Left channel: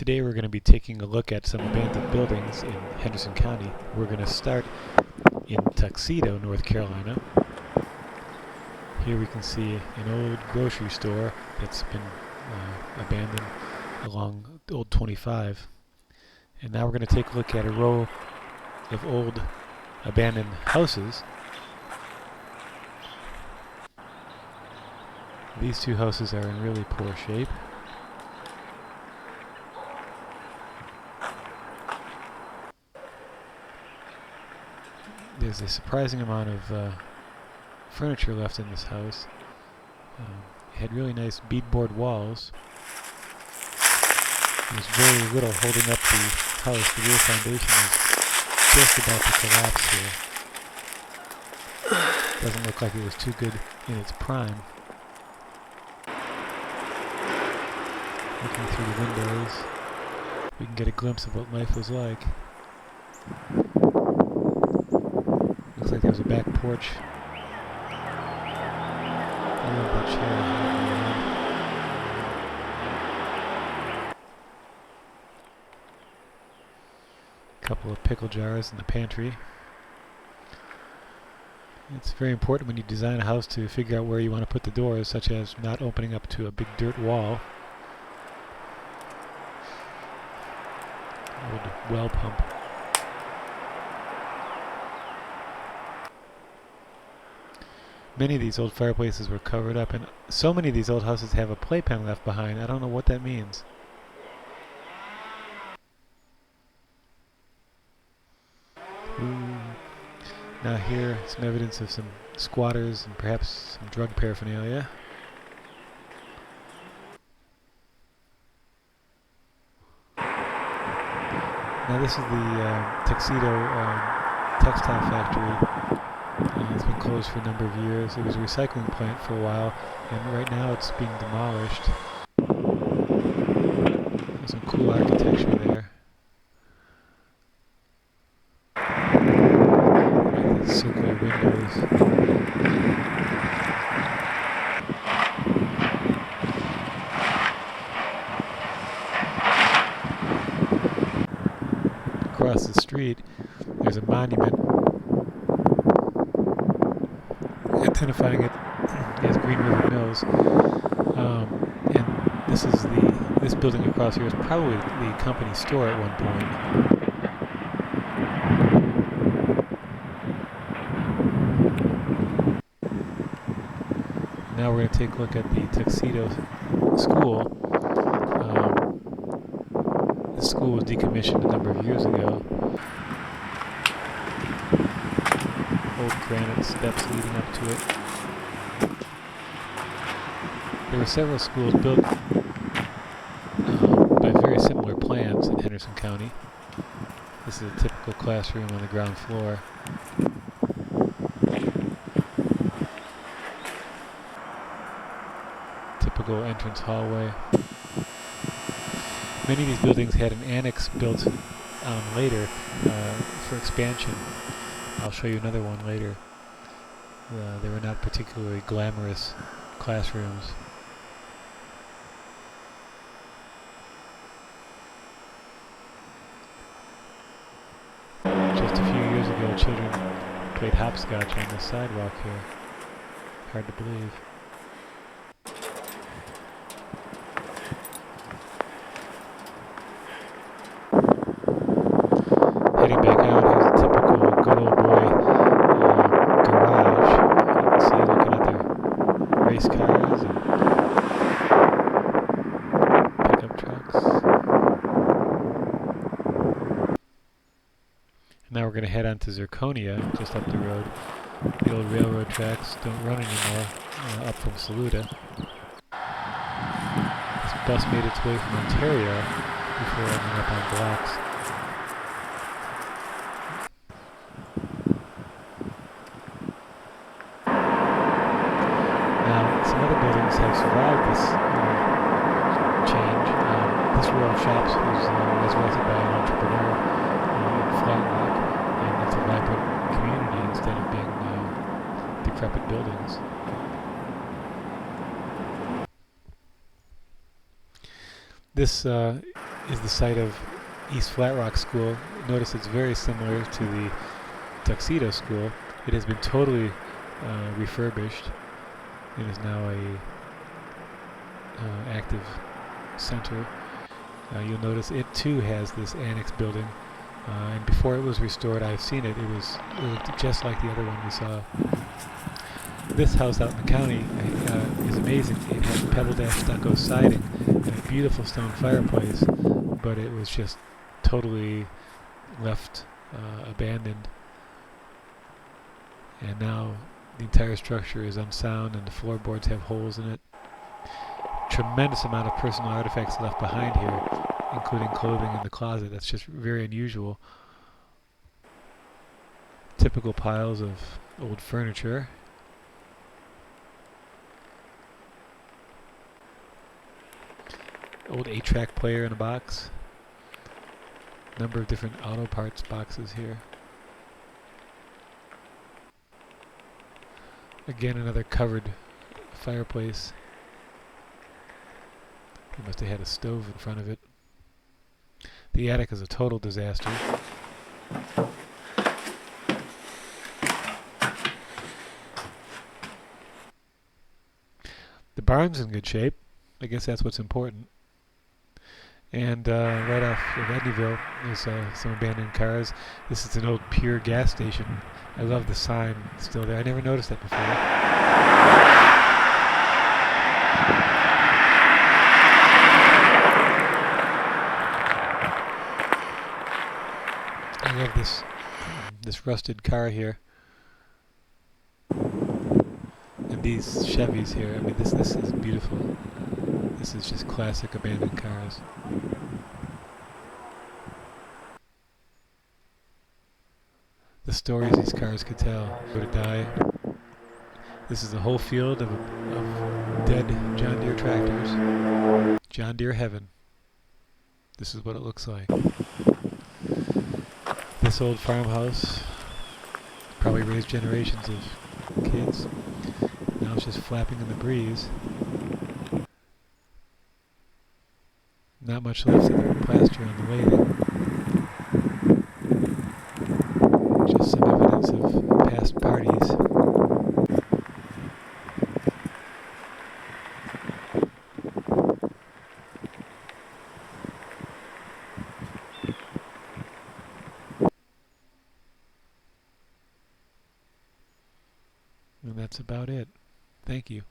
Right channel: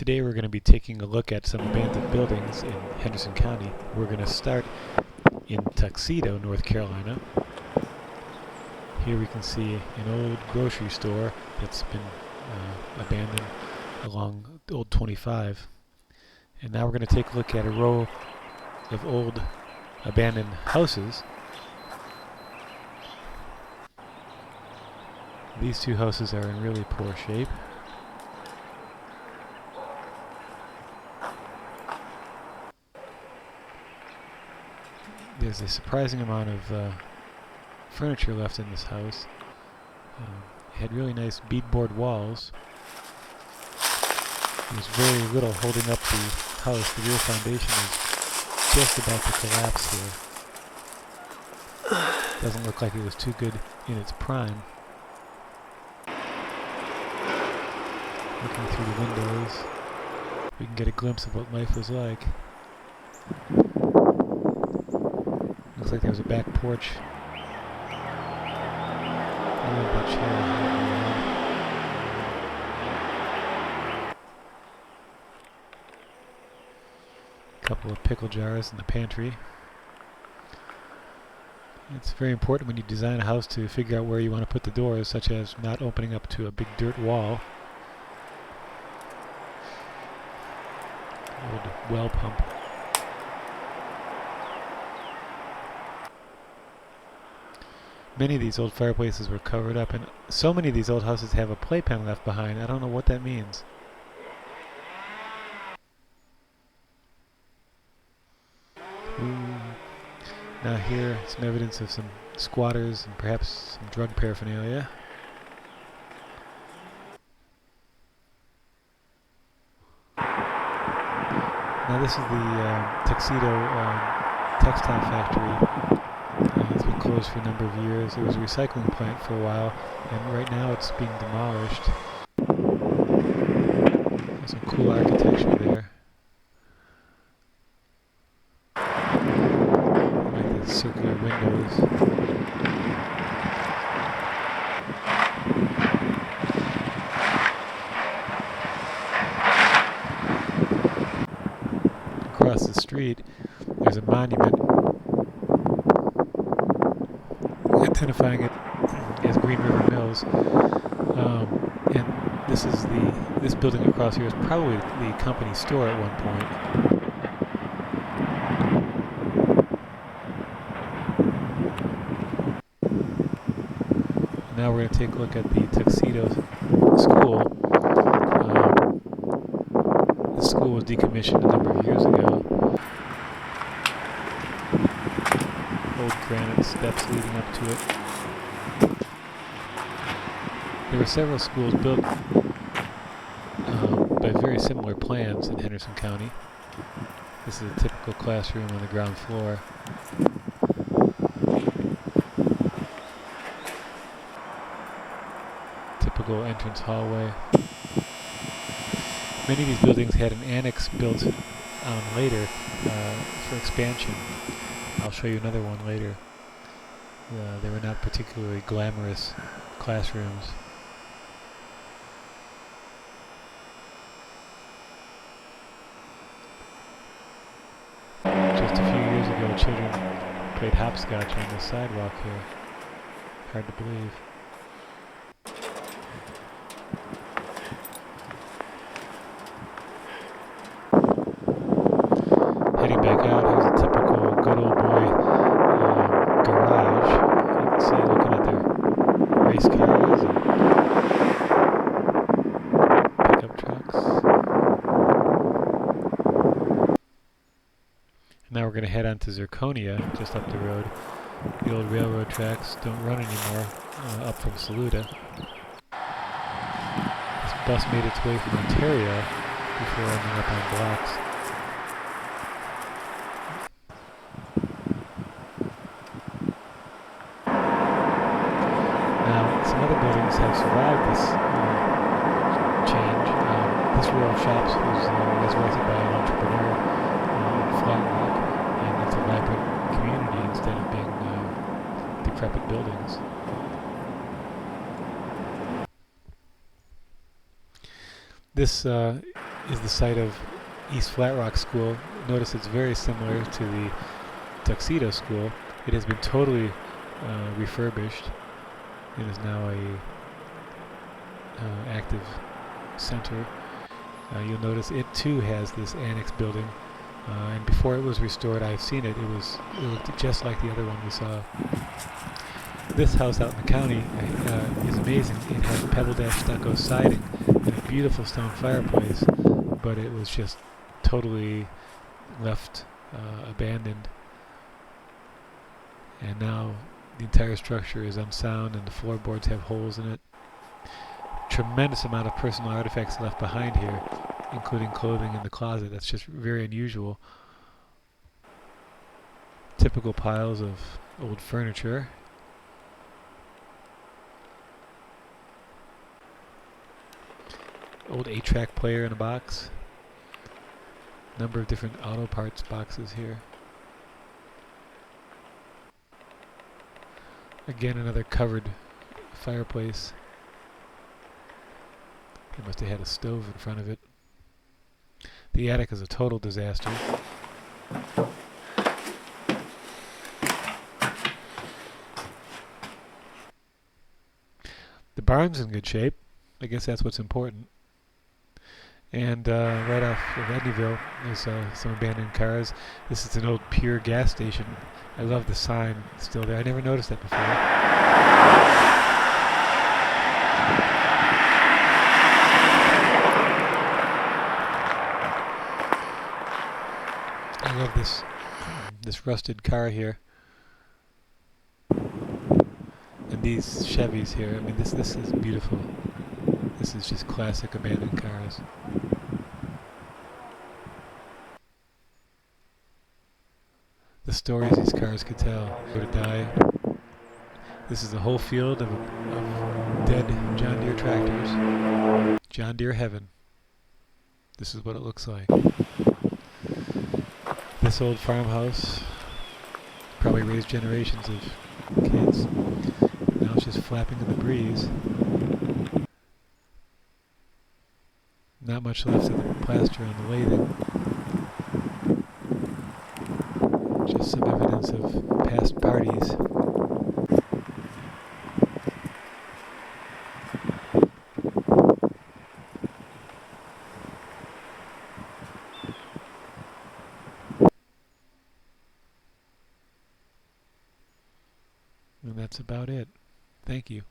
Today we're going to be taking a look at some abandoned buildings in Henderson County. We're going to start in Tuxedo, North Carolina. Here we can see an old grocery store that's been abandoned along Old 25. And now we're going to take a look at a row of old abandoned houses. These two houses are in really poor shape. There's a surprising amount of furniture left in this house. It had really nice beadboard walls. There's very little holding up the house. The real foundation is just about to collapse here. Doesn't look like it was too good in its prime. Looking through the windows, we can get a glimpse of what life was like. Looks like there was a back porch. I love that chair. A couple of pickle jars in the pantry. It's very important when you design a house to figure out where you want to put the doors, such as not opening up to a big dirt wall. Old well pump. Many of these old fireplaces were covered up, and so many of these old houses have a playpen left behind. I don't know what that means. Now here, some evidence of some squatters and perhaps some drug paraphernalia. Now this is the Tuxedo textile factory. It's been closed for a number of years. It was a recycling plant for a while, and right now it's being demolished. There's some cool architecture there. I like the circular windows. Across the street, there's a monument identifying it as Green River Mills, and this building across here is probably the company store at one point. Now we're going to take a look at the Tuxedo School. This school was decommissioned a number of years ago. Old granite steps leading up to it. There were several schools built by very similar plans in Henderson County. This is a typical classroom on the ground floor. Typical entrance hallway. Many of these buildings had an annex built later for expansion. I'll show you another one later. They were not particularly glamorous classrooms. Just a few years ago, children played hopscotch on the sidewalk here. Hard to believe. Heading back out, here's a typical good old boy garage. You can see looking at the race cars and pickup trucks. And now we're going to head on to Zirconia, just up the road. The old railroad tracks don't run anymore, up from Saluda. This bus made its way from Ontario before ending up on blocks. Have survived this change. This row of shops was resurrected by an entrepreneur in Flat Rock, and it's a vibrant community instead of being decrepit buildings. This is the site of East Flat Rock School. Notice it's very similar to the Tuxedo School. It has been totally refurbished. It is now a active center. You'll notice it too has this annex building, and before it was restored, I've seen it. It looked just like the other one we saw. This house out in the county is amazing. It had pebble dash stucco siding and a beautiful stone fireplace, but it was just totally left abandoned. And now the entire structure is unsound and the floorboards have holes in it. Tremendous amount of personal artifacts left behind here, including clothing in the closet. That's just very unusual. Typical piles of old furniture. Old 8-track player in a box. Number of different auto parts boxes here. Again, another covered fireplace. They must have had a stove in front of it. The attic is a total disaster. The barn's in good shape. I guess that's what's important. And right off of Edneyville, there's some abandoned cars. This is an old Pure gas station. I love the sign still there. I never noticed that before. I love this rusted car here. And these Chevys here. I mean, this is beautiful. This is just classic abandoned cars. The stories these cars could tell. Go to die. This is the whole field of dead John Deere tractors. John Deere heaven. This is what it looks like. This old farmhouse probably raised generations of kids. Now it's just flapping in the breeze. Not much left of the plaster on the lathing. Just some evidence of past parties. And that's about it. Thank you.